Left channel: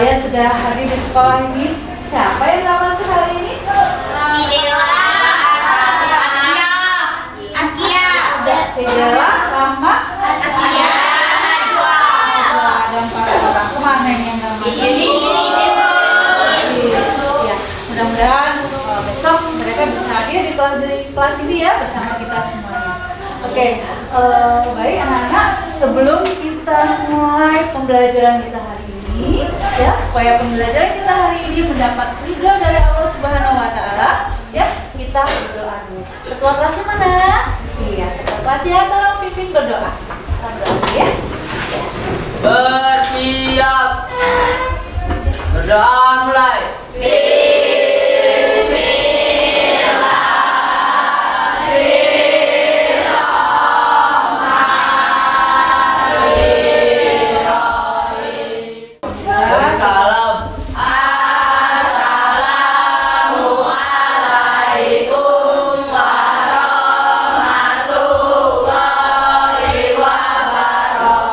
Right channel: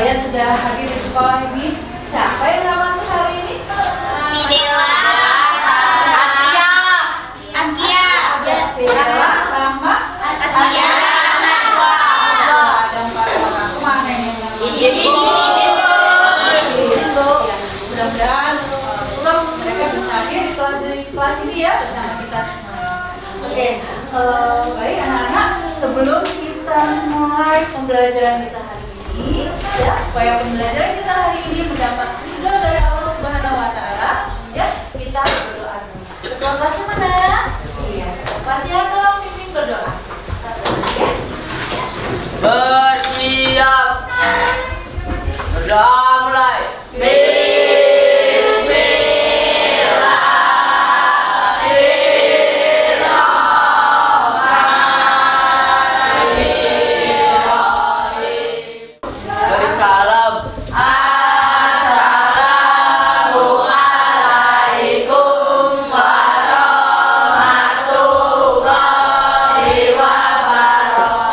kalian sudah hadir di sekolah ini. Siapa yang nggak masuk hari ini? Fidela, Askia, Ada Fidela, Rama, Askia, Najwa. ada 4 orang. Kemana ini yang nggak masuk? Ini. Ya, mudah-mudahan besok mereka bisa hadir di kelas ini ya bersama kita semuanya. Oke, baik anak-anak, sebelum kita mulai pembelajaran kita hari ini, ya supaya pembelajaran kita hari ini mendapat ridho dari Allah Subhanahu Wa Taala, ya kita berdoa dulu. Ketua kelasnya mana? Iya, ketua kelasnya tolong pimpin berdoa. Kita berdoa ya. Bersiap. Berdoa mulai. Salam. Assalamualaikum warahmatullahi wabarakatuh.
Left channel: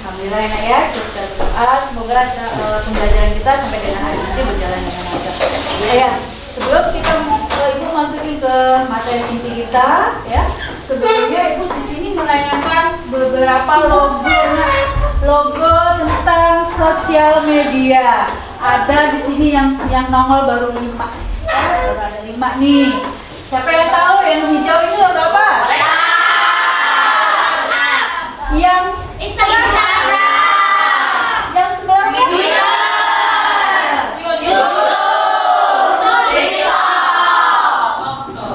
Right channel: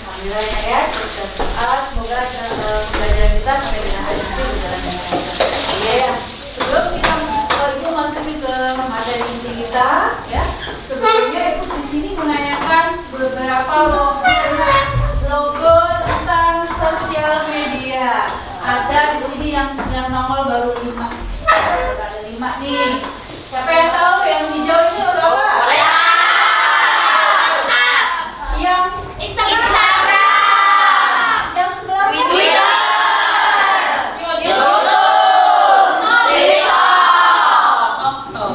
Alhamdulillah ya, kita berdoa semoga pembelajaran kita sampai dengan hari ini berjalan dengan lancar. Ya, sebelum kita Ibu masukin ke materi inti kita, ya sebelumnya Ibu di sini menanyakan beberapa logo tentang sosial media. Ada di sini yang nongol baru 5. Baru ada 5 nih. Siapa yang tahu yang hijau itu logo apa? Yang Instagram, yang sebelahnya Twitter,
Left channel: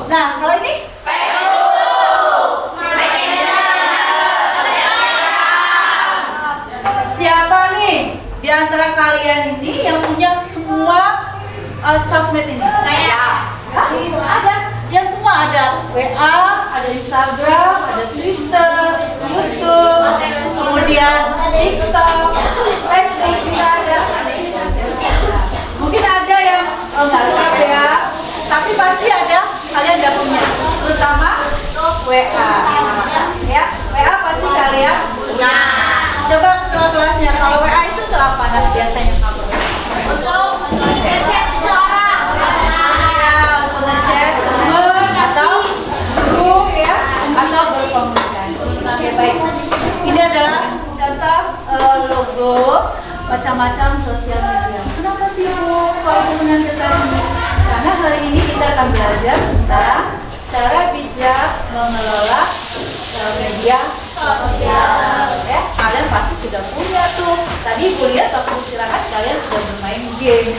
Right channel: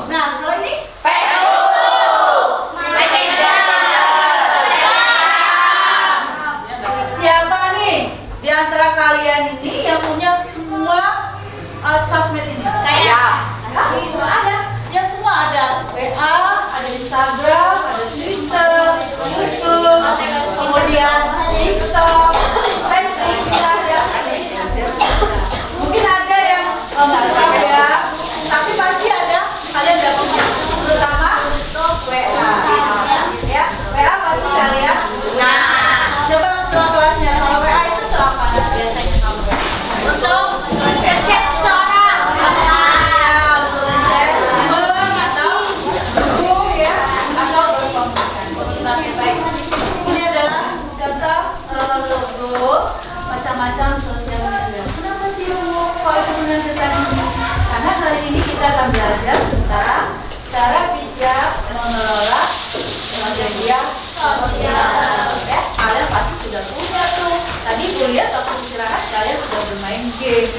Nah, kalau ini Facebook, Messenger, siapa nih di antara kalian ini yang punya semua sosmed ini? Saya. Hah? Ada. Yang semua ada WA, ada Instagram, ada Twitter, YouTube, kemudian TikTok, Facebook juga ada. Mungkin ada yang nggak tahu ya, tapi pasti ada. Kalian udah punya, terutama WA. Ya, WA pasti kalian. Coba ketua kelasnya, kalau WA itu tuh apa biasanya kamu? Untuk chat seseorang. Untuk ngechat teman atau grup ya, atau berkomunikasi. Oke, baik. Ini adalah contoh logo macam-macam sosial media. Kenapa sih Bu kok itu menandakan ini? Karena hari ini kita akan belajar tentang cara bijak mengelola media sosial. Ya, kalian pasti sudah punya tuh. Tadi kuliah atau istirahat kalian sudah bermain game.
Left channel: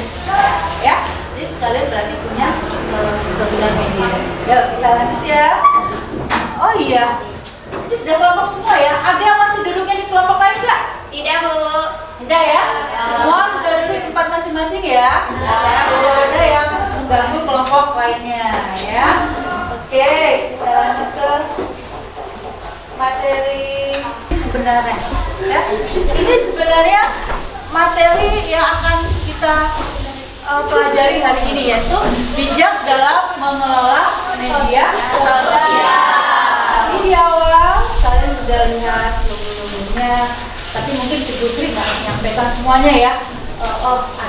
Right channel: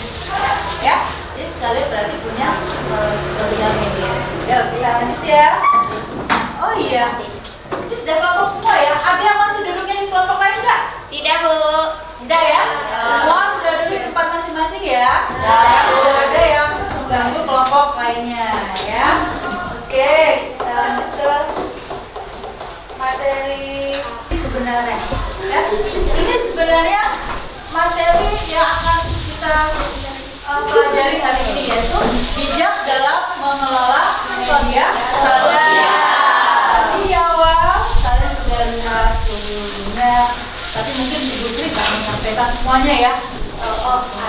Ya, jadi kalian berarti punya sosial media. Yuk kita lanjut ya. Oh iya, ini sudah kelompok semua ya. Ada yang masih duduknya di kelompok lain nggak? Tidak, Bu. Tidak ya? Semua sudah duduk di tempat masing-masing ya? Tidak ada yang mengganggu kelompok lainnya ya. Oke, kita lanjut ke materi sebenarnya ya. Ini sebenarnya materi yang akan kita pelajari hari ini, yaitu bijak dalam mengelola media sosial. Tadi di awal kalian sudah lihat logo-logonya, tapi mungkin Ibu Sri nggak menyampaikan semuanya ya.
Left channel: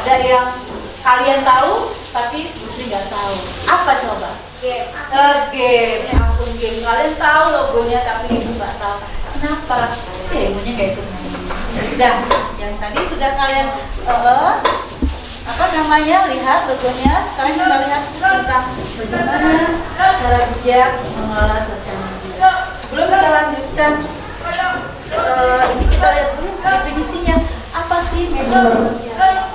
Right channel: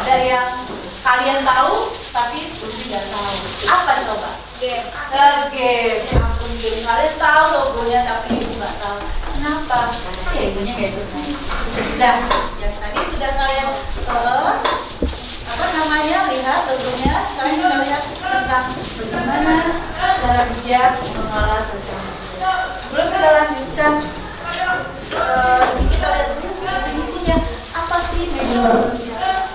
Ada yang kalian tahu tapi Ibu Sri nggak tahu. Apa coba? Game. Akun game. Kalian tahu logonya tapi Ibu nggak tahu. Kenapa? Ya Ibunya nggak ikut main. Sudah, yang tadi sudah kalian lihat logonya. Sekarang kita lihat tentang bagaimana cara bijak mengelola sosial media. Sebelum kita lanjutkan, ini kita lihat dulu definisinya. Apa sih media sosial?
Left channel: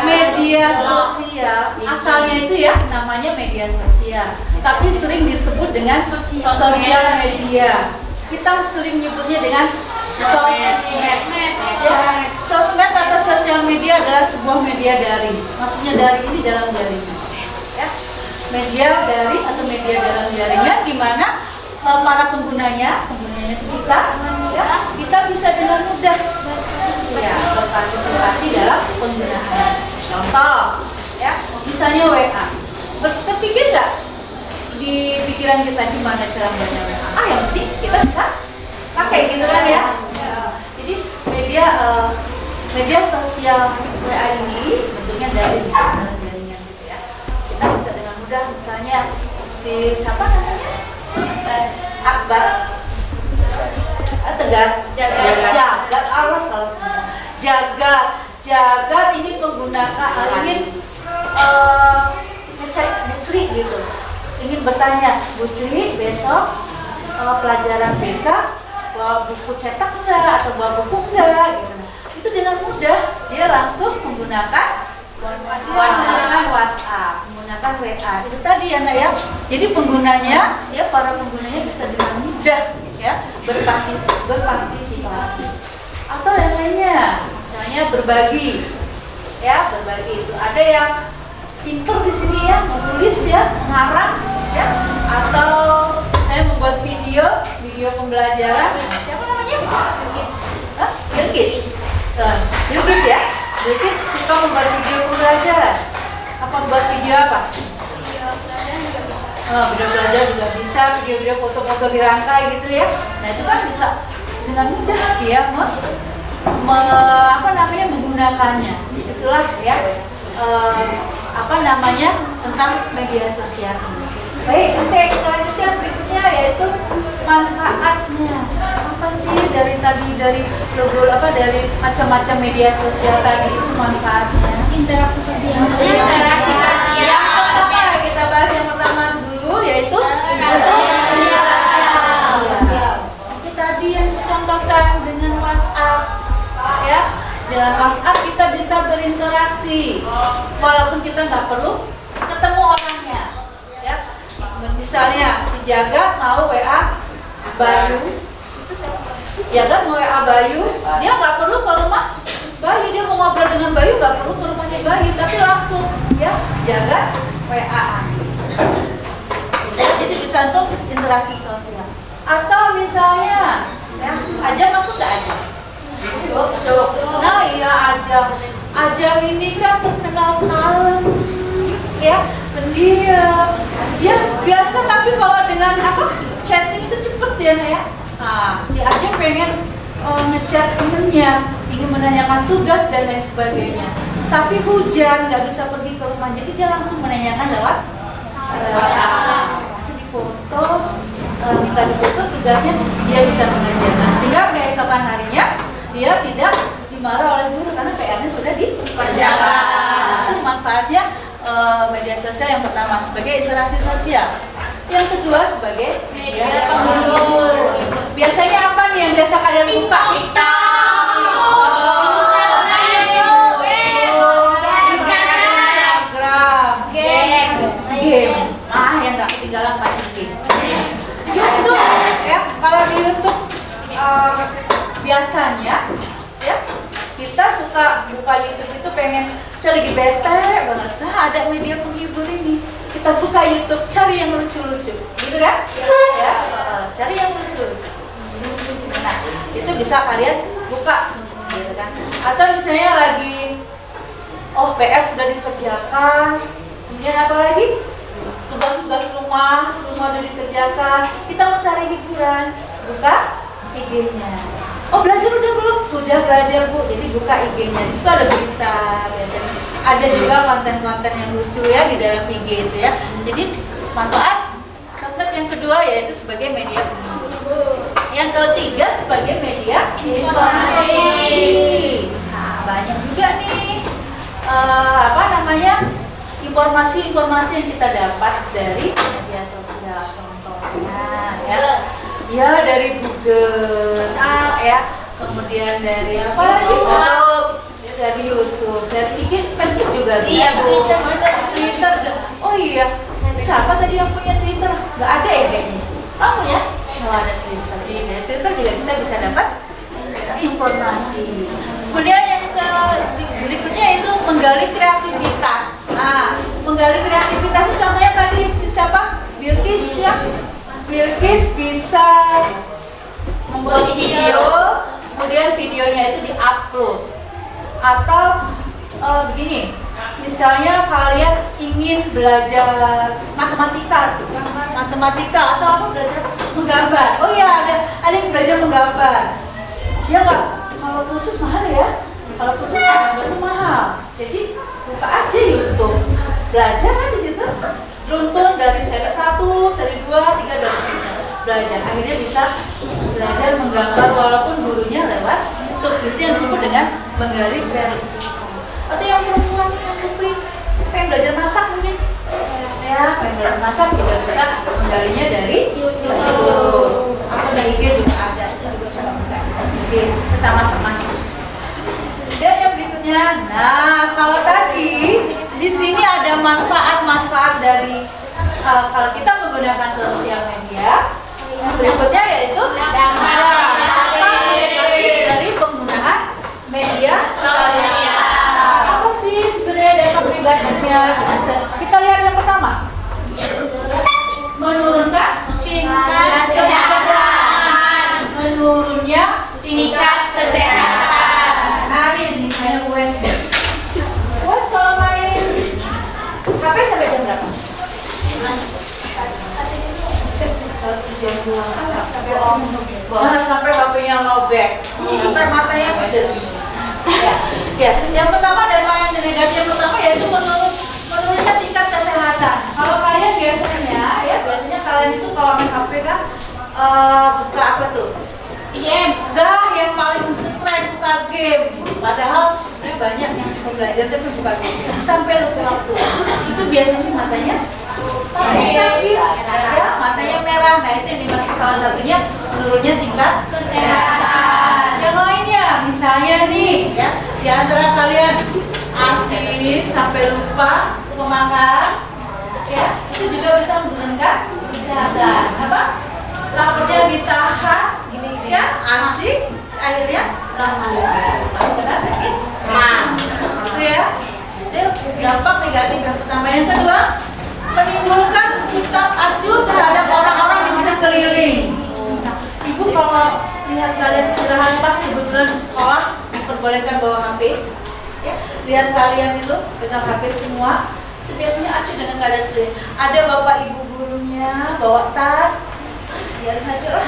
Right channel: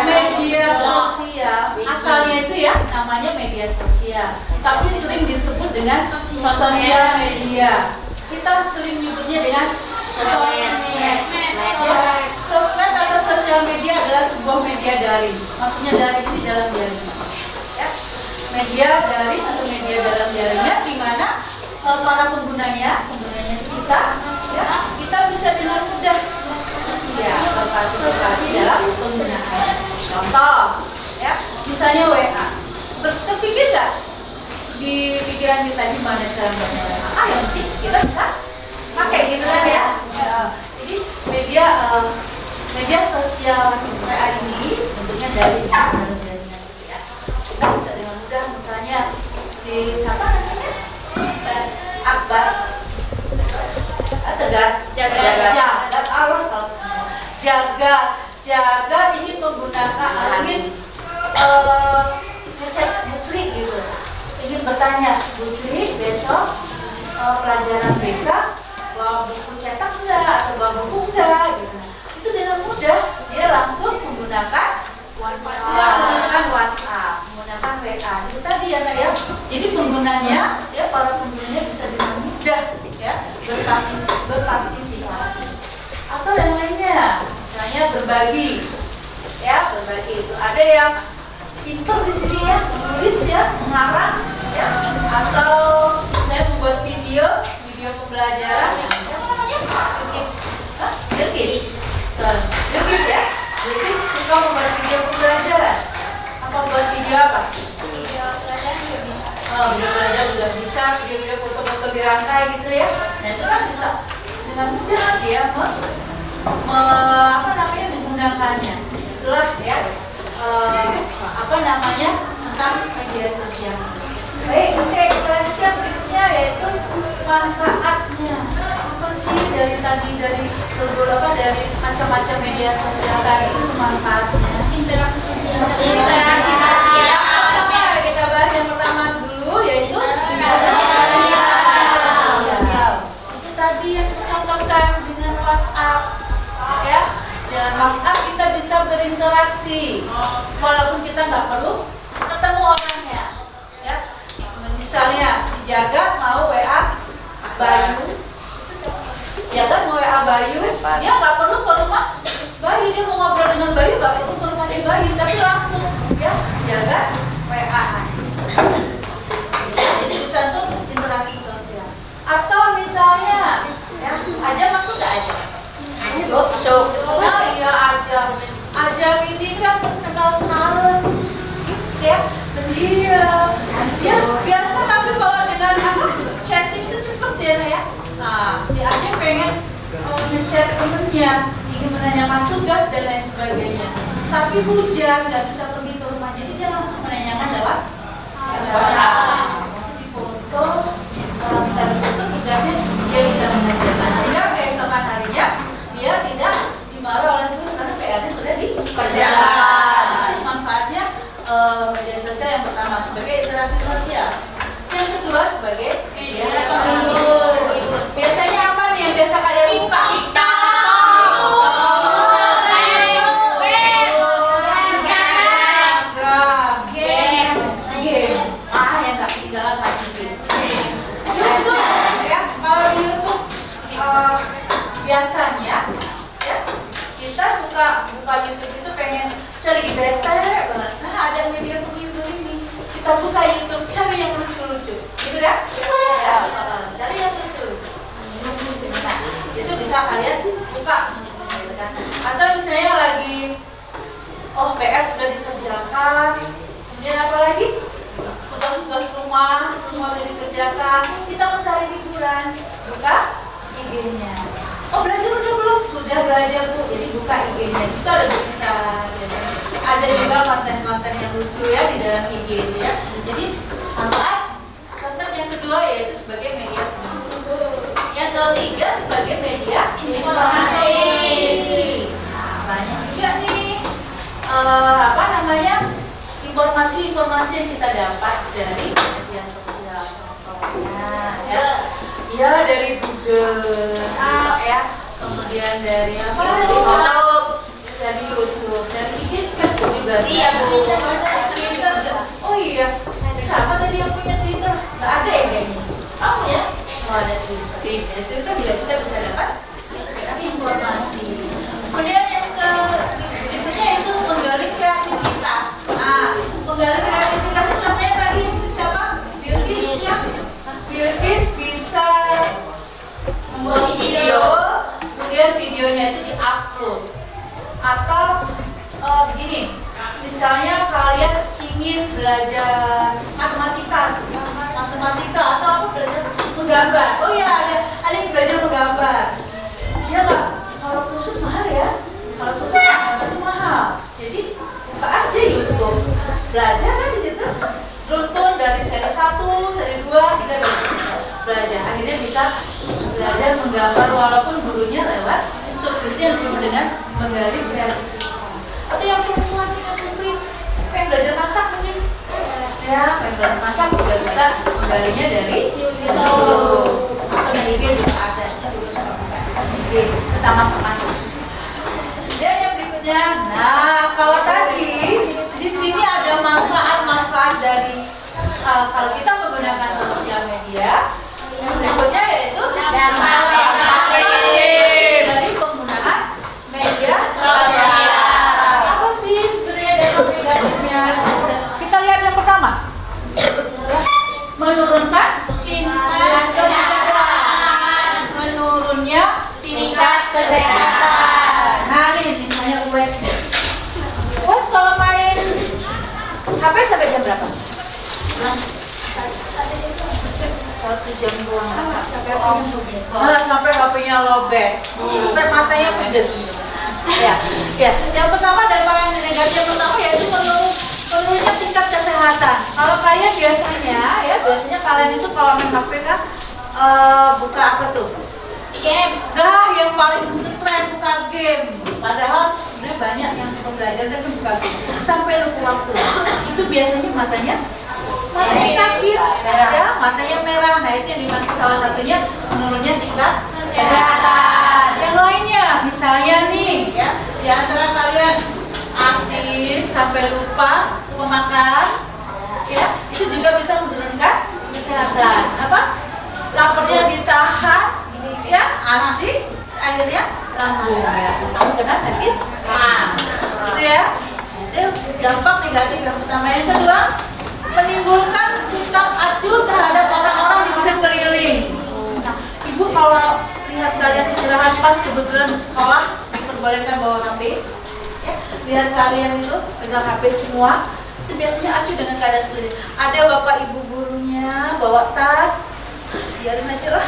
Media sosial asalnya itu ya namanya media sosial, tapi sering disebut dengan sosial media. Kita sering nyebutnya dengan sosmed. Sosmed atau sosial media adalah sebuah media daring. Maksudnya daring ini dalam jaringan. Ya. Media daring atau media dalam jaringan di mana para penggunanya itu kita bisa dengan mudah ya berpartisipasi dalam penggunaan. Contoh, ya misalnya WA, terpikir nggak di pikiran kita gimana cara membaca WA? Yang penting kita bisa pakai gitu kan ya. Jadi media sosial WA ini bentuknya dari jaringan gitu ya. Kita bisa dengan mudah misalnya si siapa namanya? Akbar. Jagat Allah salah semua. Jagat ini menggunakan ngecek Busri gitu. Ingin bertanya, Busri besok pelajaran BK bawa buku cetak enggak atau bawa buku enggak gitu. Itu dengan mudah dia langsung menggunakan WhatsApp, menggunakan WA. Itu tadi ya Nak ya. Jadi penggunanya ya para penggunanya bisa dengan mudah ya berpartisipasi. Atau yang lainnya, misalnya berbagi. Ya, berbagi itu ada yang pinter di sini ya, menulis ya, mengarang ya, atau saya membuat video pembelajaran. Siapa namanya? Bilkis. Bilkis ya. Bilkis suka membuat video pembelajaran. Apa buat video apa? Video belajar juga bisa, video foto-foto dirangkai gitu ya. Nah itu kan bisa dengan mudah dia menggunakannya. Itulah ya tentang media sosial. Baik, oke, kita lanjutkan berikutnya yaitu manfaatnya. Apa sih dari macam-macam media sosial tadi itu manfaatnya? Interaksi sosial. Pertama kita bahas yang pertama dulu yaitu interaksi sosial. Itu tadi yang contohkan dengan WhatsApp ya. Dengan WhatsApp kita bisa berinteraksi walaupun kita nggak perlu ketemu orangnya ya. Misalnya si Jagat mau WA Bayu, Jagat mau WA Bayu, dia nggak perlu ke rumah Bayu, dia mau ngobrol dengan Bayu nggak perlu ke rumahnya Bayu, tapi langsung ya Jagat WA. Jadi bisa untuk interaksi sosial. Atau misalnya ya Aja masuk nggak Aja? Masuk. Nah iya Ajam ini kan terkenal kalem ya, pendiam. Dia biasa tapi kalau dengan chatting itu cepet ya Nak ya. Nah si Ajam pengen ngechat temennya, ingin menanyakan tugas dan lain sebagainya. Tapi hujan nggak bisa pergi ke rumah, jadi dia langsung menanyakan lewat WhatsApp. Di foto, minta difoto tugasnya, dia bisa mengerjakan sehingga keesokan harinya dia tidak dimarah oleh guru karena PR-nya sudah dikerjakan. Itu manfaatnya media sosial yang pertama sebagai interaksi sosial. Yang kedua sebagai media penghibur. Biasanya apa nih yang biasa kalian buka? Instagram, game. Yang nggak ketinggalan main game. YouTube ya. Kalau di YouTube biasanya ya kita suka buka YouTube itu pengen lagi bete banget. Nah ada media penghibur ini, kita buka YouTube cari yang lucu-lucu gitu ya, cari yang lucu-lucu. Nah itu bisa kalian buka gitu kan. Atau misalnya lagi PS sudah dikerjakan, kemudian apa lagi tugas-tugas rumah semua sudah dikerjakan, kita mau cari hiburan, buka IG-nya. Belajar udah belum? Sudah belajar Bu, jadi buka IG-nya. Itu ada berita biasanya. Ada juga konten-konten yang lucu ya di dalam IG itu ya. Jadi manfaat sosmed yang kedua yaitu sebagai media penghibur. Yang ketiga sebagai media informasi. Nah, banyak juga nih informasi-informasi yang kita dapat dari media sosial. Contohnya ya dari Google ya, kemudian dari apa lagi? Dari YouTube, dari Facebook juga. Iya, Twitter. Oh iya, siapa tadi yang punya Twitter? Nggak ada ya kayaknya. Kamu ya? Nggak ada Twitter. Dari Twitter juga kita bisa dapat informasi. Kemudian yang berikutnya itu menggali kreativitas. Nah, menggali kreativitas itu contohnya tadi siapa? Bilkis ya. Bilkis bisa membuat video, kemudian videonya itu diupload. Atau begini, misalnya kalian ingin belajar matematika atau apa, belajar menggambar. Oh iya, ada yang belajar menggambar. Dia nggak, kalau khusus mahal ya. Kalau khusus menggambar itu mahal. Jadi buka aja YouTube, belajar kan di situ. Runtun dari seri 1, seri 2, 3 dan belajar. Akhirnya bisa belajar menggambar walaupun gurunya lewat YouTube. Itu yang disebut dengan menggali kreativitas. Atau yang perempuan yang pengen belajar masak mungkin. Ya, pengen belajar masak juga bisa menggalinya dari YouTube. Atau dari IG juga ada. Tentang masak-masak. Dan yang berikutnya, nah kalau tadi di sini ada manfaat-manfaat dari kalau kita menggunakan sosial media. Yang berikutnya yaitu dampak dari penggunaan media sosial. Apa sih sebenarnya dampak negatifnya? Kita lihat yang pertama. Menurunkan tingkat kesehatan. Menurunnya tingkat kesehatan. Nah ini misalnya UAS. UAS kalau main HP sampai jam berapa? Jam 2 sampai HP-nya lobek, sampai matanya pedes. Ya. Yang pertama dampak yang negatif yang pertama yaitu menurunnya tingkat kesehatan. Kalau kalian biasanya kalian itu kalau main HP kan buka apa tuh? Game. Yang paling keren buka game. Padahal sebenarnya banyak yang cuma belajar tapi buka game sampai lupa waktu. Itu biasanya matanya sakit, ya, matanya merah. Nah itu yang dimaksud salah satunya menurunnya tingkat kesehatan. Yang lainnya, misalnya nih, ya, di antara kalian asik sampai lupa makan, ya, itu juga bisa menurunkan kesehatan. Apa? Laparnya ditahan, ya, asik, akhirnya lambung. Karena sakit, itu ya. Itu dampak negatif yang pertama. Yang kedua, menimbulkan sikap acuh terhadap orang-orang di sekeliling. Nah, ibu kalau lihat kalian istirahat pas kebetulan di sekolah diperbolehkan bawa HP, ya, lihat kalian itu pegang HP semua, itu biasanya acuh dengan keadaan sekeliling. Ada bapak ibu gurunya bawa tas, biarin aja lah,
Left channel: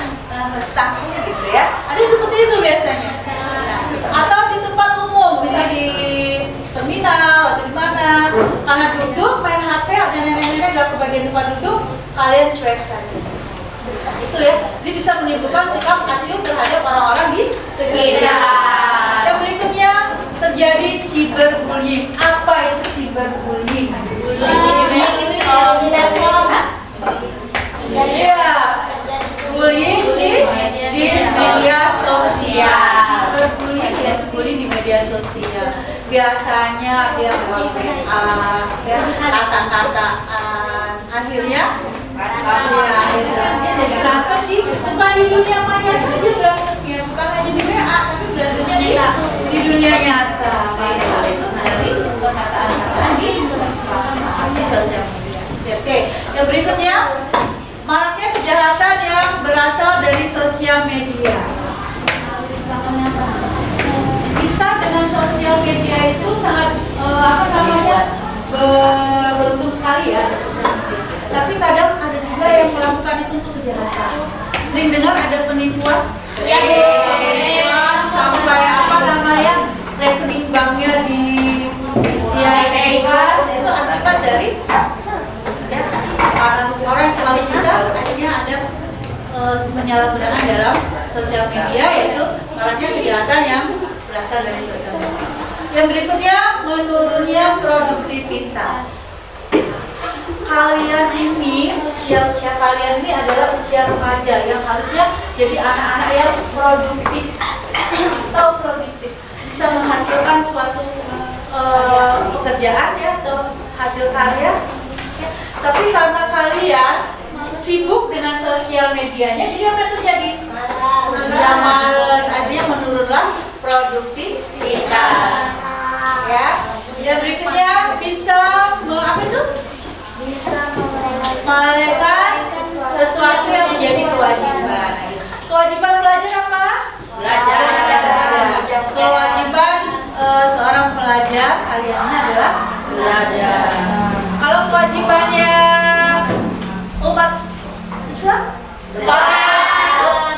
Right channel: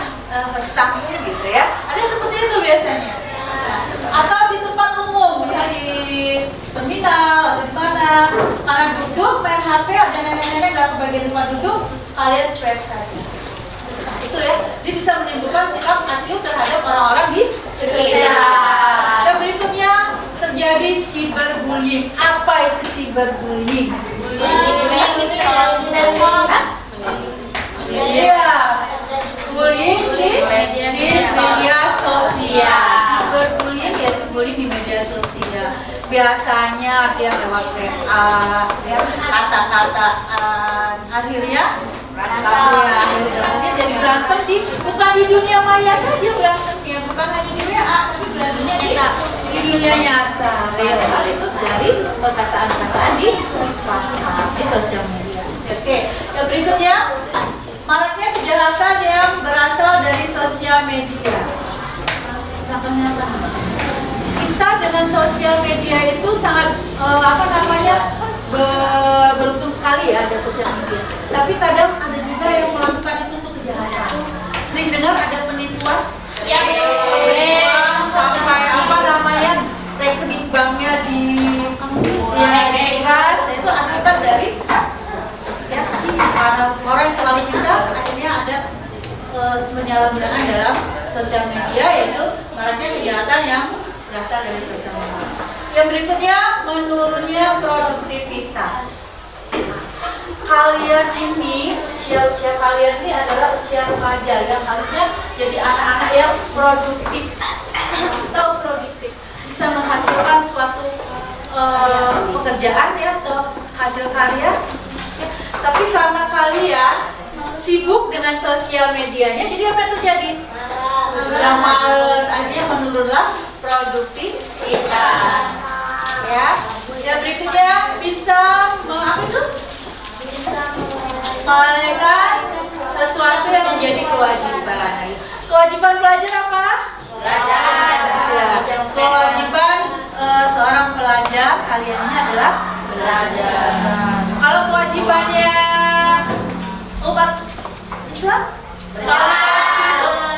masih tanggung gitu ya. Ada yang seperti itu biasanya. Nah, atau di tempat umum, bisa di terminal atau di mana, karena duduk main HP, ada nenek-nenek nggak kebagian tempat duduk, kalian cuek saja. Itu ya, dia bisa menimbulkan sikap acuh terhadap orang-orang di sekitar. Yang berikutnya terjadi cyberbullying. Apa itu cyberbullying? Iya, bullying di media sosial. Cyberbullying yaitu bullying di media sosial. Biasanya dia lewat WA, ya, kata-kataan, akhirnya jadi berantem bukan di dunia maya saja berantemnya, bukan hanya di WA, tapi berantemnya di dunia nyata. Hal itu dari perkataan-perkataan di sosial media. Oke, yang berikutnya maraknya kejahatan yang berasal dari sosial media. Contohnya apa? Kita dengan sosial media itu sangat beruntung sekali ya ada sosial media. Tapi kadang ada juga yang melakukan itu untuk kejahatan. Sering dengar ada penipuan, sampai rekening banknya dihack. Itu akibat dari orang yang terlalu suka akhirnya ada penyalahgunaan dalam sosial media, yaitu maraknya kejahatan yang berasal dari sosial media. Yang berikutnya, menurunnya produktivitas. Kalian ini, usia kalian ini adalah usia remaja yang harusnya jadi anak-anak yang produktif, bisa menghasilkan suatu pekerjaan ya, atau hasil karya. Tapi karena kalian sibuk dengan sosial medianya, jadi apa yang terjadi? Sudah males, akhirnya menurunlah produktivitas. Ya, yang berikutnya bisa melalaikan sesuatu yang menjadi kewajiban. Kewajiban belajar apa? Belajar. Kewajiban seorang pelajar kalian ini adalah Belajar. Kalau kewajibannya umat Islam,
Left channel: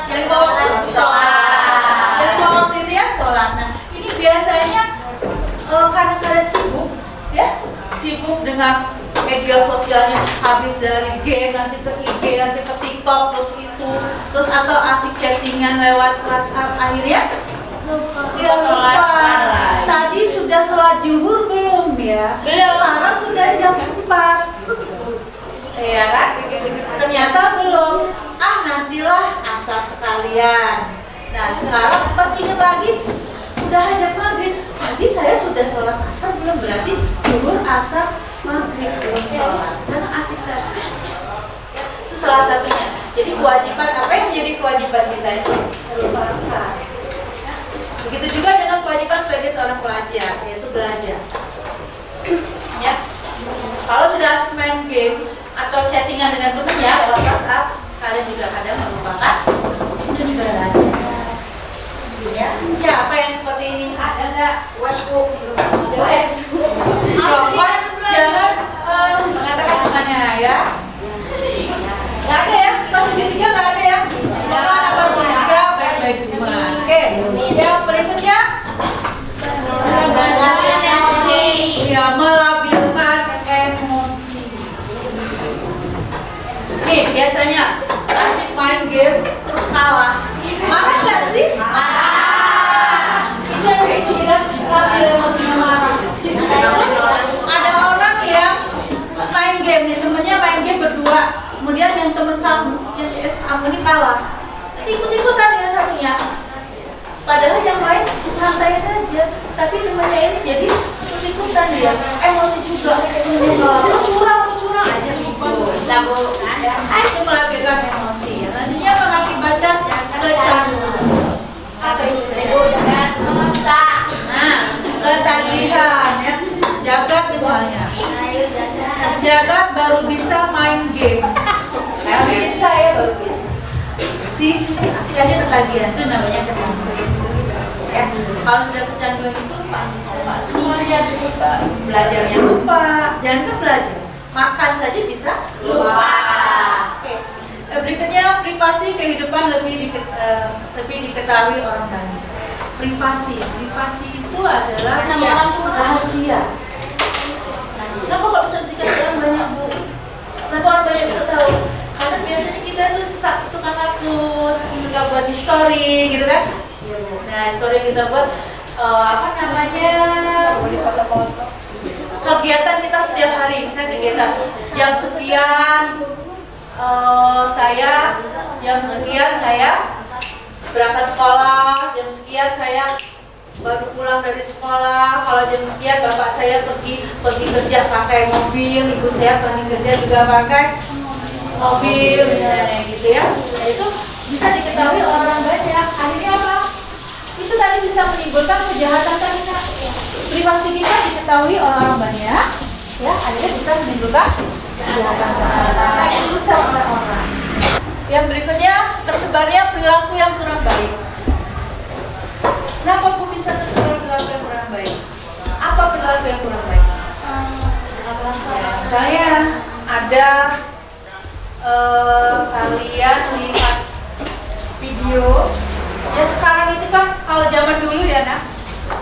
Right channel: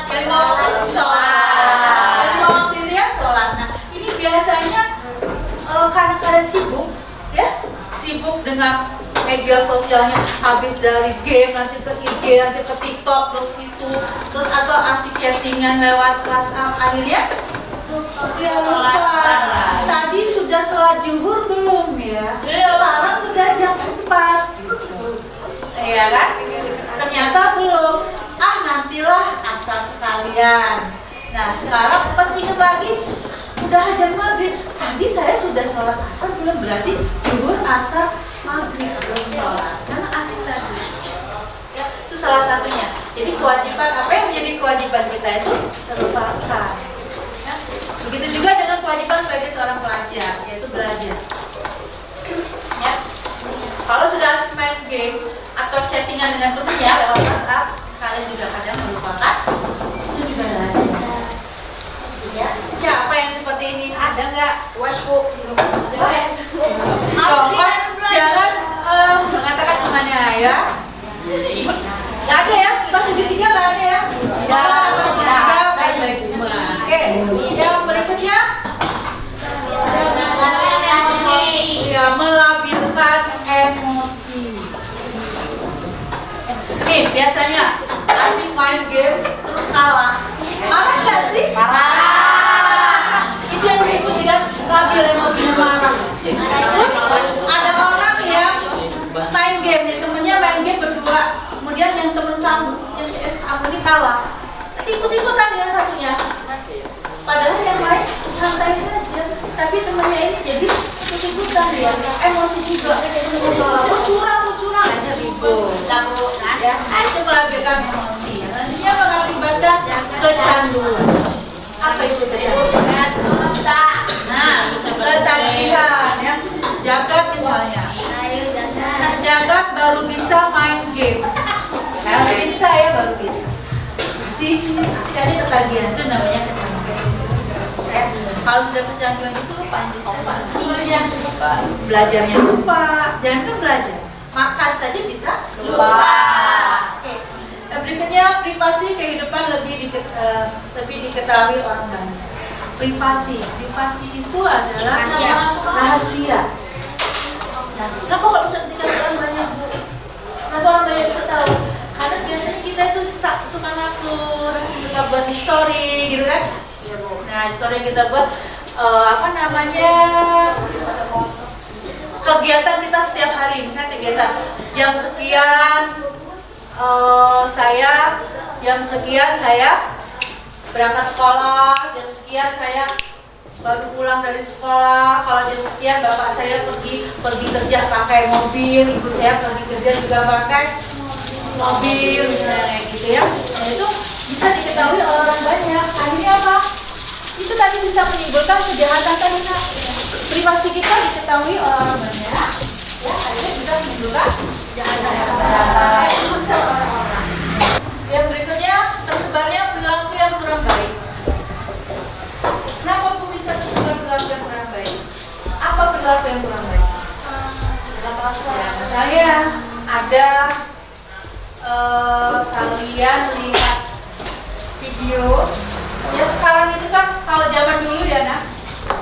yang lima waktu sholat. Yang lima waktu itu ya sholat. Nah, ini biasanya karena kalian sibuk, ya, sibuk dengan media sosialnya, habis dari game nanti ke IG, nanti ke TikTok, terus atau asik chattingan lewat WhatsApp, akhirnya lupa. Tadi sudah sholat zuhur belum ya? Sekarang sudah jam 4. Ya kan? Ternyata belum. Nantilah asar sekalian. Nah, sekarang pas ingat lagi udah hajat maghrib. Tadi saya sudah sholat asar belum, berarti zuhur, asar, maghrib belum sholat. Karena asik tadi. Ya, itu salah satunya. Jadi kewajiban, apa yang menjadi kewajiban kita itu terlupakan. Ya. Begitu juga dengan kewajiban sebagai seorang pelajar, yaitu belajar. Ya. Kalau sudah asik main game atau chattingan dengan temennya lewat WhatsApp, kalian juga kadang melupakan dan juga belajar. Ya. Siapa yang seperti ini? Ada nggak? Jangan mengatakan temannya ya. Nggak ada ya? Pas segitiga nggak ada ya? Sekarang pas segitiga baik-baik semua. Oke. Yang berikutnya ya, melabilkan emosi. Nih biasanya asik main game terus kalah. Marah nggak sih? Marah. Itu yang disebut dengan labil emosinya, marah. Terus ada orang yang main game, nih temennya main game berdua, kemudian yang temen kamu, yang CS kamu ini kalah, ikut-ikutan yang satunya. Padahal yang lain santai aja, tapi temennya ini jadi ikut-ikutan dia, emosi juga. Curang aja gitu. Itu melabilkan emosi. Nantinya mengakibatkan kecanduan. Apa itu kecanduan? Nah, ketagihan ya. Jagat misalnya. Jagat baru bisa main game. Baru bisa ya, baru bisa. Asik aja ketagihan, itu namanya kecanduan. Ya, kalau sudah kecanduan itu lupa semuanya, belajarnya lupa, jangan kan belajar, makan saja bisa lupa. Oke. Berikutnya privasi kehidupan lebih diketahui orang banyak. Privasi itu adalah rahasia. Nah, kenapa kok bisa diketahui orang banyak, Bu? Kenapa orang banyak bisa tahu? Karena biasanya kita tuh suka ngupload, suka buat history gitu kan. Nah, history kita buat kegiatan kita setiap hari. Misalnya kegiatan jam sekian saya berangkat sekolah, jam sekian saya baru pulang dari sekolah. Kalau jam sekian bapak saya pergi kerja pakai mobil, ibu saya pergi kerja juga pakai mobil, misalnya kayak gitu ya. Nah, itu bisa diketahui orang banyak. Akhirnya apa? Itu tadi bisa menimbulkan kejahatan tadi, Kak. Privasi kita diketahui orang banyak, ya, akhirnya bisa menimbulkan kejahatan orang. Yang berikutnya, tersebarnya perilaku yang kurang baik. Kenapa Bu bisa tersebar perilaku yang kurang baik? Apa perilaku yang kurang baik? Ya, saya ada kalian lihat video ya, sekarang itu kan kalau zaman dulu ya, nah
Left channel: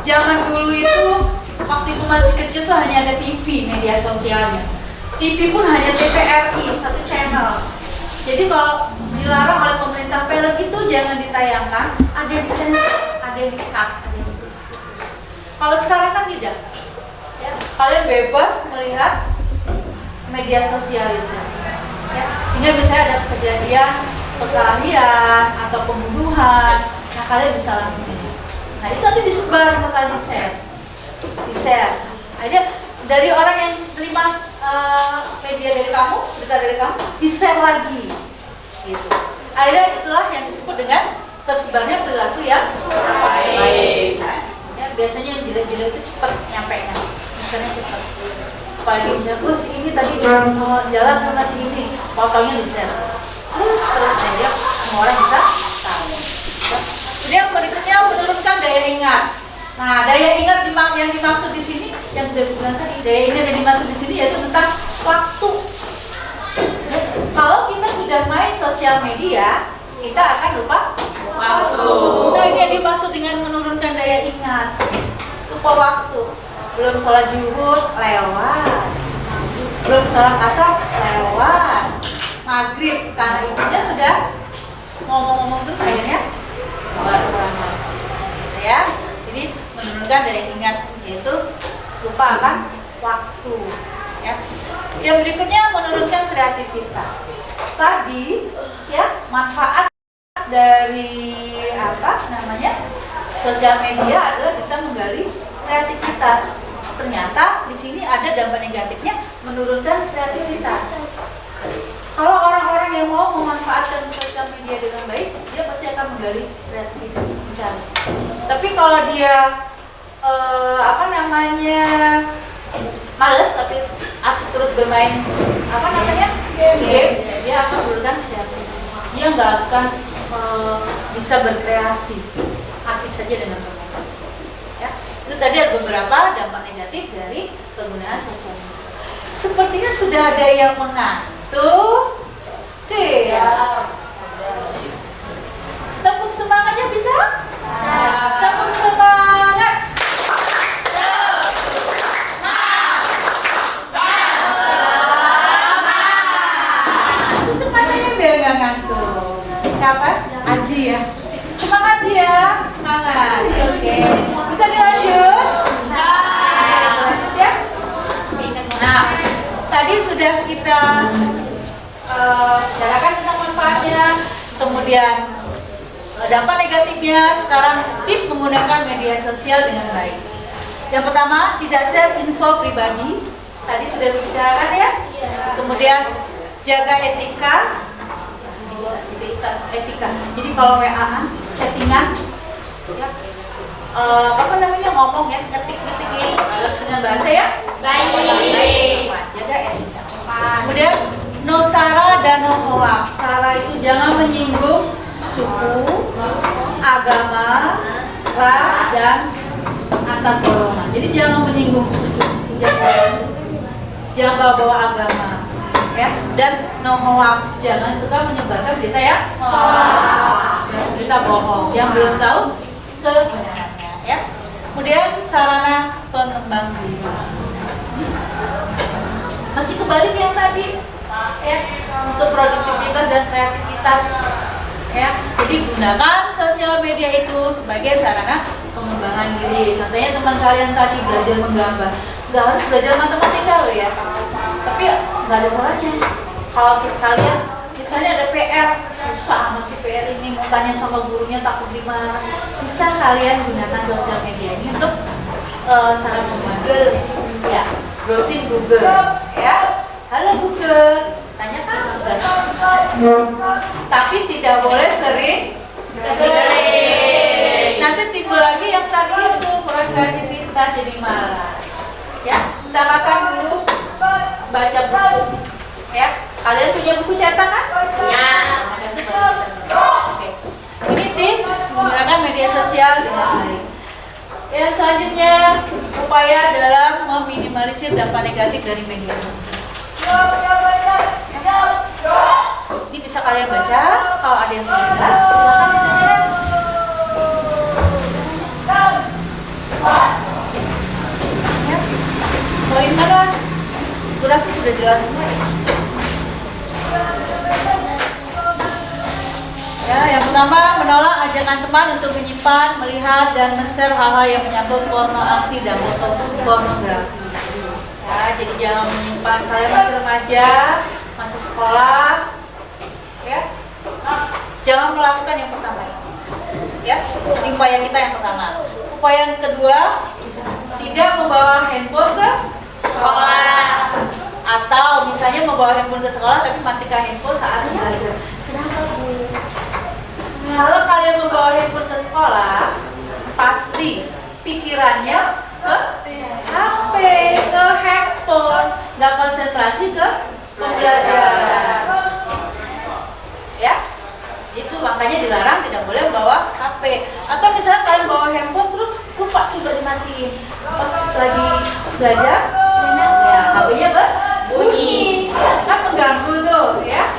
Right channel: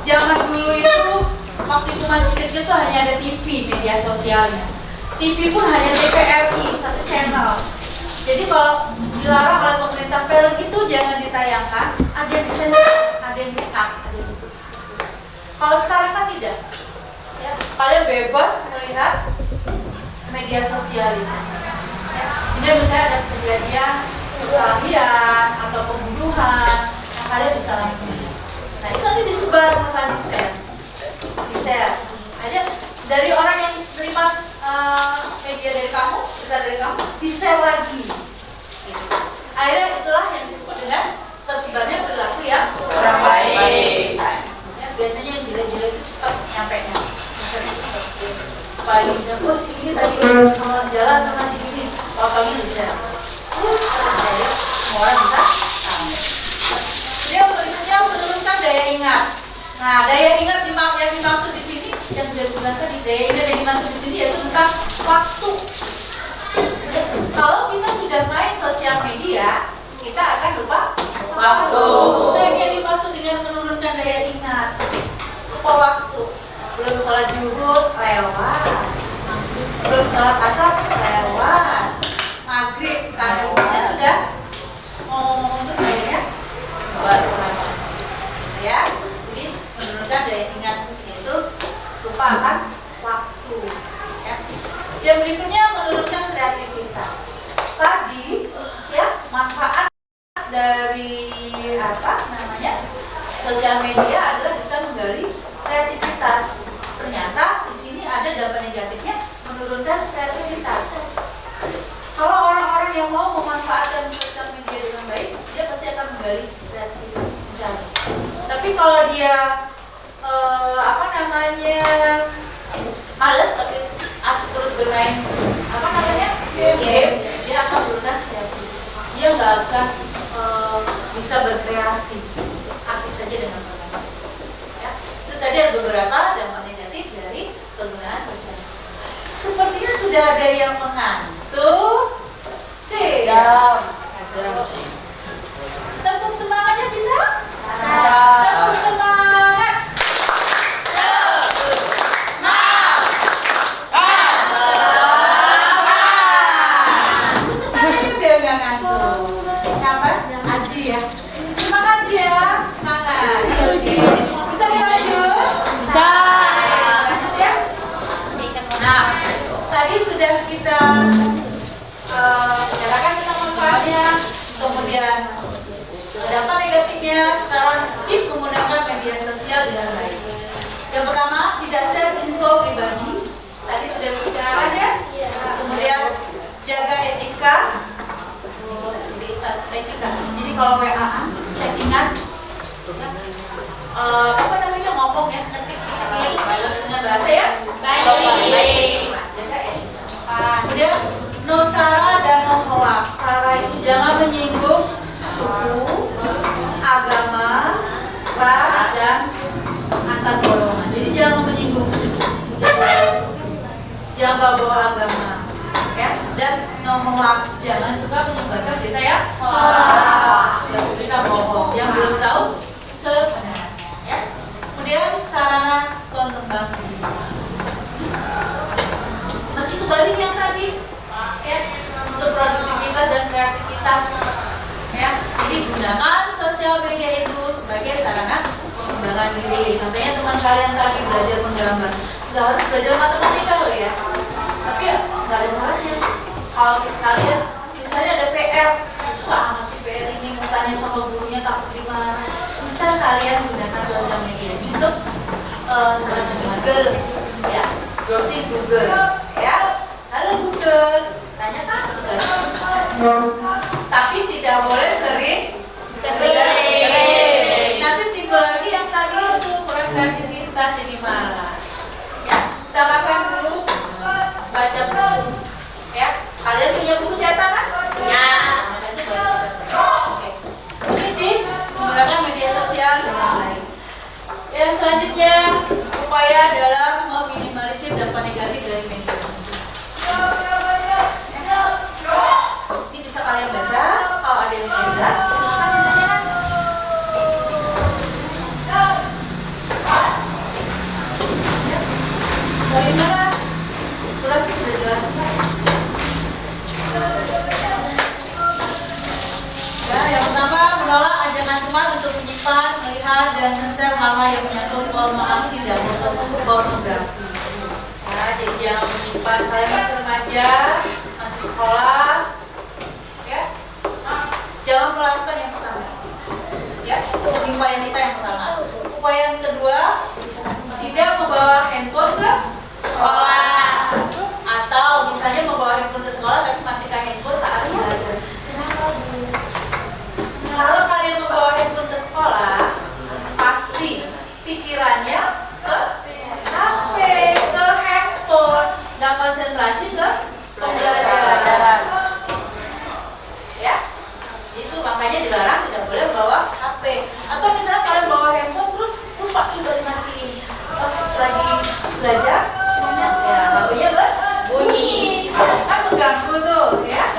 zaman dulu itu waktu itu masih kecil tuh hanya ada TV, media sosialnya. TV pun hanya TVRI, satu channel. Jadi kalau dilarang oleh pemerintah, film itu jangan ditayangkan, ada yang disensor, ada yang di-cut, ada yang diputus. Kalau sekarang kan tidak ya, kalian bebas melihat media sosial itu ya. Sehingga misalnya ada kejadian perkelahian atau pembunuhan, nah kalian bisa langsung lihat. Nah itu nanti disebar, makanya di-share. Ada dari orang yang terima media dari kamu, berita dari kamu, di-share lagi. Gitu. Akhirnya itulah yang disebut dengan tersebarnya perilaku yang kurang baik. Ya, biasanya yang jelek-jelek itu cepat nyampe-nya, misalnya cepat. Apalagi misalnya, bos ini tadi jalan sama si ini, fotonya di-share. Terus setelah semua orang bisa tahu. Kemudian berikutnya menurunkan daya ingat. Nah, daya ingat yang dimaksud di sini, yang sudah bilang tadi, daya ingat yang dimaksud di sini yaitu tentang waktu. Kalau kita sudah main sosial media, kita akan lupa waktu. Nah, ini yang dimaksud dengan menurunkan daya ingat. Lupa waktu. Belum sholat zuhur, lewat. Belum sholat asar, lewat. Maghrib, karena ibunya sudah ngomong-ngomong terus akhirnya sholat. Ya, jadi menurunkan daya ingat yaitu lupa akan waktu. Ya. Yang berikutnya menurunkan kreativitas. Tadi ya manfaat dari sosial media adalah bisa menggali kreativitas. Ternyata di sini ada dampak negatifnya, menurunkan kreativitas. Kalau orang-orang yang mau memanfaatkan sosial media dengan baik, dia pasti akan menggali kreativitas, mencari. Tapi kalau dia males tapi asik terus bermain game, dia akan menurunkan kreativitas. Dia nggak akan bisa berkreasi, asik saja dengan bermain. Ya, itu tadi ada beberapa dampak negatif dari penggunaan sosial media. Sepertinya sudah ada yang mengantuk. Oke, ya. Tepuk semangatnya bisa? Tepuk semangat. Cepat aja biar nggak ngantuk. Siapa? Aji ya. Semangat ya, semangat. Oke. Bisa dilanjut? Bisa. Lanjut ya. Nah, tadi sudah kita bicarakan tentang manfaatnya, kemudian dampak negatifnya. Sekarang tips menggunakan media sosial dengan baik. Yang pertama, tidak share info pribadi. Tadi sudah dibicarakan ya. Kemudian jaga etika. Jadi kalau WA-an, chattingan, ya, ngomong ya, ngetik-ngetik ini dengan bahasa ya baik. Jaga etika. Kemudian no sara dan no hoak. Sara itu jangan menyinggung suku, agama, ras, dan antar golongan. Jadi jangan menyinggung suku, jangan bawa-bawa agama, ya. Dan no hoak, jangan suka menyebarkan berita ya berita bohong yang belum tahu kebenarannya, ya. Kemudian sarana pengembang diri. Masih kembali yang tadi, ya, untuk produktivitas dan kreativitas, ya. Jadi gunakan sosial media itu sebagai sarana pengembangan diri. Contohnya teman kalian tadi belajar menggambar, nggak harus belajar matematika loh ya, tapi nggak ada salahnya kalau kalian misalnya ada PR, susah amat sih PR ini, mau tanya sama gurunya takut dimarah, bisa kalian gunakan sosial media ini untuk sarana Google, ya, browsing Google, ya. Halo Google, tanyakan tugas. Tapi tidak boleh sering. Nanti timbul lagi yang tadi itu kurang kreativitas jadi malas. Ya, kita makan dulu, baca buku. Ya, kalian punya buku cetak kan? Ya. Oke. Ini tips menggunakan media sosial dengan baik. Ya, selanjutnya upaya dalam meminimalisir dampak negatif dari media sosial. Ini bisa kalian baca. Kalau ada yang tidak jelas, silakan ditanyakan. Ya. Poin mana? Kurasa sudah jelas. Ya, yang pertama menolak ajakan teman untuk menyimpan, melihat, dan men-share hal-hal yang menyangkut porno, aksi, dan foto pornografi. Ya, jadi jangan menyimpan. Kalian masih remaja, masih sekolah, ya, jangan melakukan yang pertama. Ya, upaya kita yang pertama. Upaya yang kedua, tidak membawa handphone ke sekolah. Atau misalnya membawa handphone ke sekolah tapi matikan handphone saat belajar. Kenapa Bu? Kalau kalian membawa handphone ke sekolah, pasti pikirannya ke HP, ke handphone, nggak konsentrasi ke pembelajaran. Ya, itu makanya dilarang, tidak boleh bawa HP. Atau misalnya kalian bawa handphone terus lupa untuk dimatiin. Pas lagi belajar, ya HP-nya bunyi. Kan mengganggu tuh, ya.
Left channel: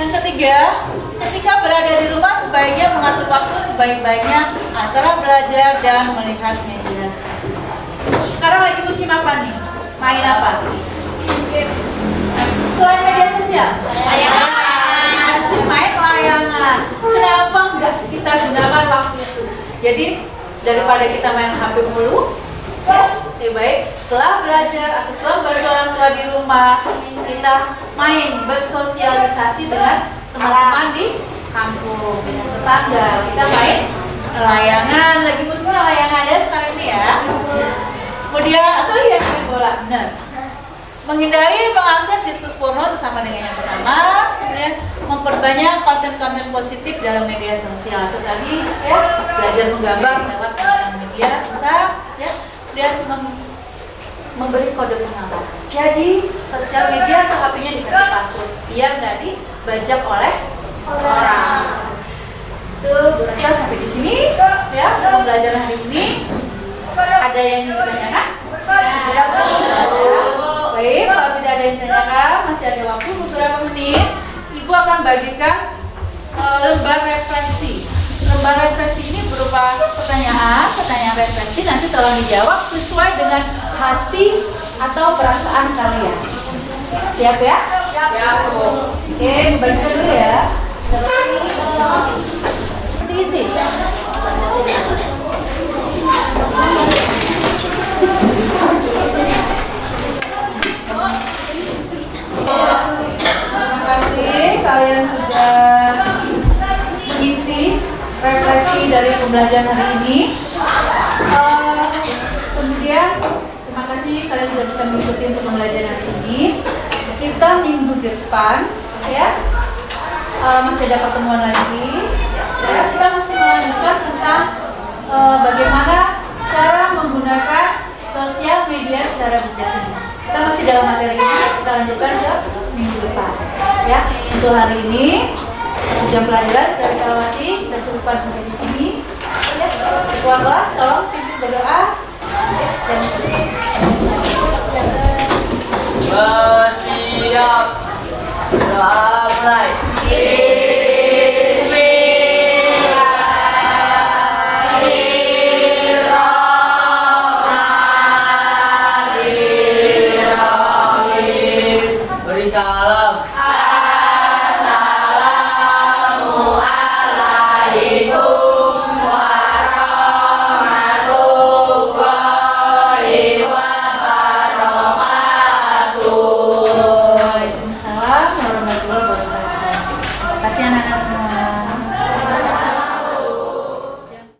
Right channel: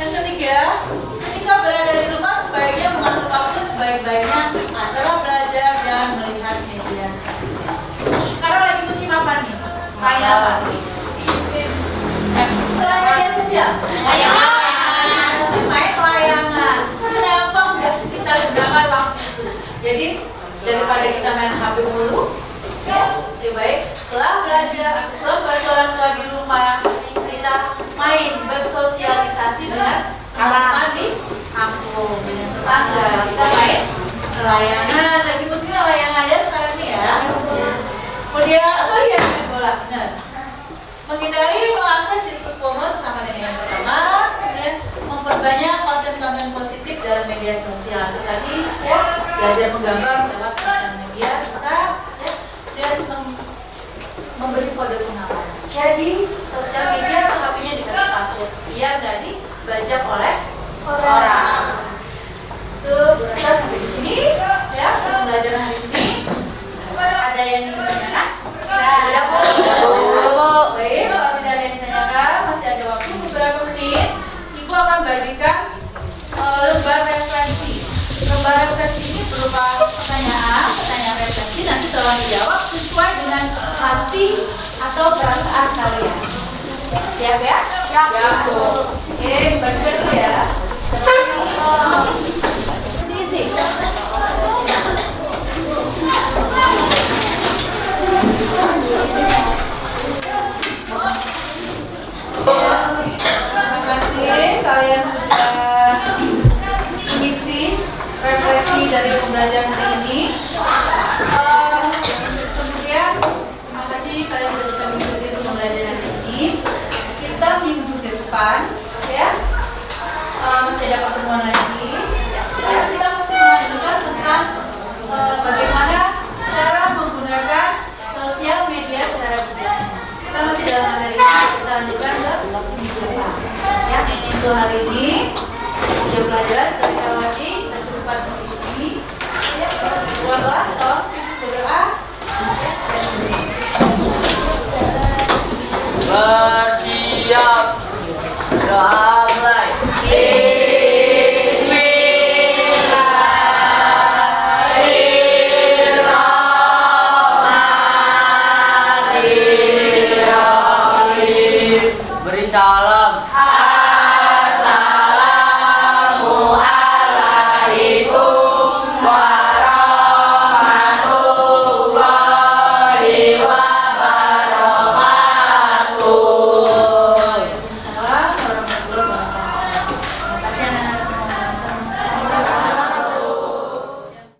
Yang ketiga, ketika berada di rumah sebaiknya mengatur waktu sebaik-baiknya antara belajar dan melihat media sosial. Sekarang lagi musim apa nih? Main apa? Selain media sosial? Layangan. Musim main layangan. Kenapa enggak kita gunakan waktu itu? Jadi daripada kita main HP mulu, lebih baik setelah belajar atau setelah bantu orang tua di rumah, kita main bersosialisasi dengan teman-teman di kampung, dengan tetangga. Kita main layangan, lagi musimnya layangan ya sekarang ini ya. Kemudian atau ya main bola, benar. Menghindari mengakses situs porno itu sama dengan yang pertama. Kemudian memperbanyak konten-konten positif dalam media sosial. Itu tadi ya, belajar menggambar lewat sosial media bisa ya. Kemudian memberi kode pengaman. Jadi sosial media atau HP-nya dikasih password biar nggak dibajak oleh orang. Tuh, Bu Rasa sampai di sini ya pembelajaran hari ini. Ada yang ingin ditanyakan? Ada, Bu. Baik, kalau tidak ada yang ditanyakan, masih ada waktu beberapa menit. Ibu akan bagikan lembar refleksi. Lembar refleksi ini berupa pertanyaan refleksi. Nanti tolong dijawab sesuai dengan hati atau perasaan kalian. Siap ya? Siap. Oke, bagikan dulu ya. Diisi. Terima kasih kalian sudah mengisi refleksi dari pembelajaran hari ini. Kemudian terima kasih kalian sudah bisa mengikuti untuk pembelajaran hari ini. Kita minggu depan ya masih ada pertemuan lagi. Ya, kita masih melanjutkan tentang bagaimana cara menggunakan sosial media secara bijak. Kita masih dalam materi ini, kita lanjutkan ke minggu depan. Ya, untuk hari ini jam pelajaran sudah kita lewati, kita cukupkan sampai di sini. Ya, kelas tolong pimpin berdoa. Ya, dan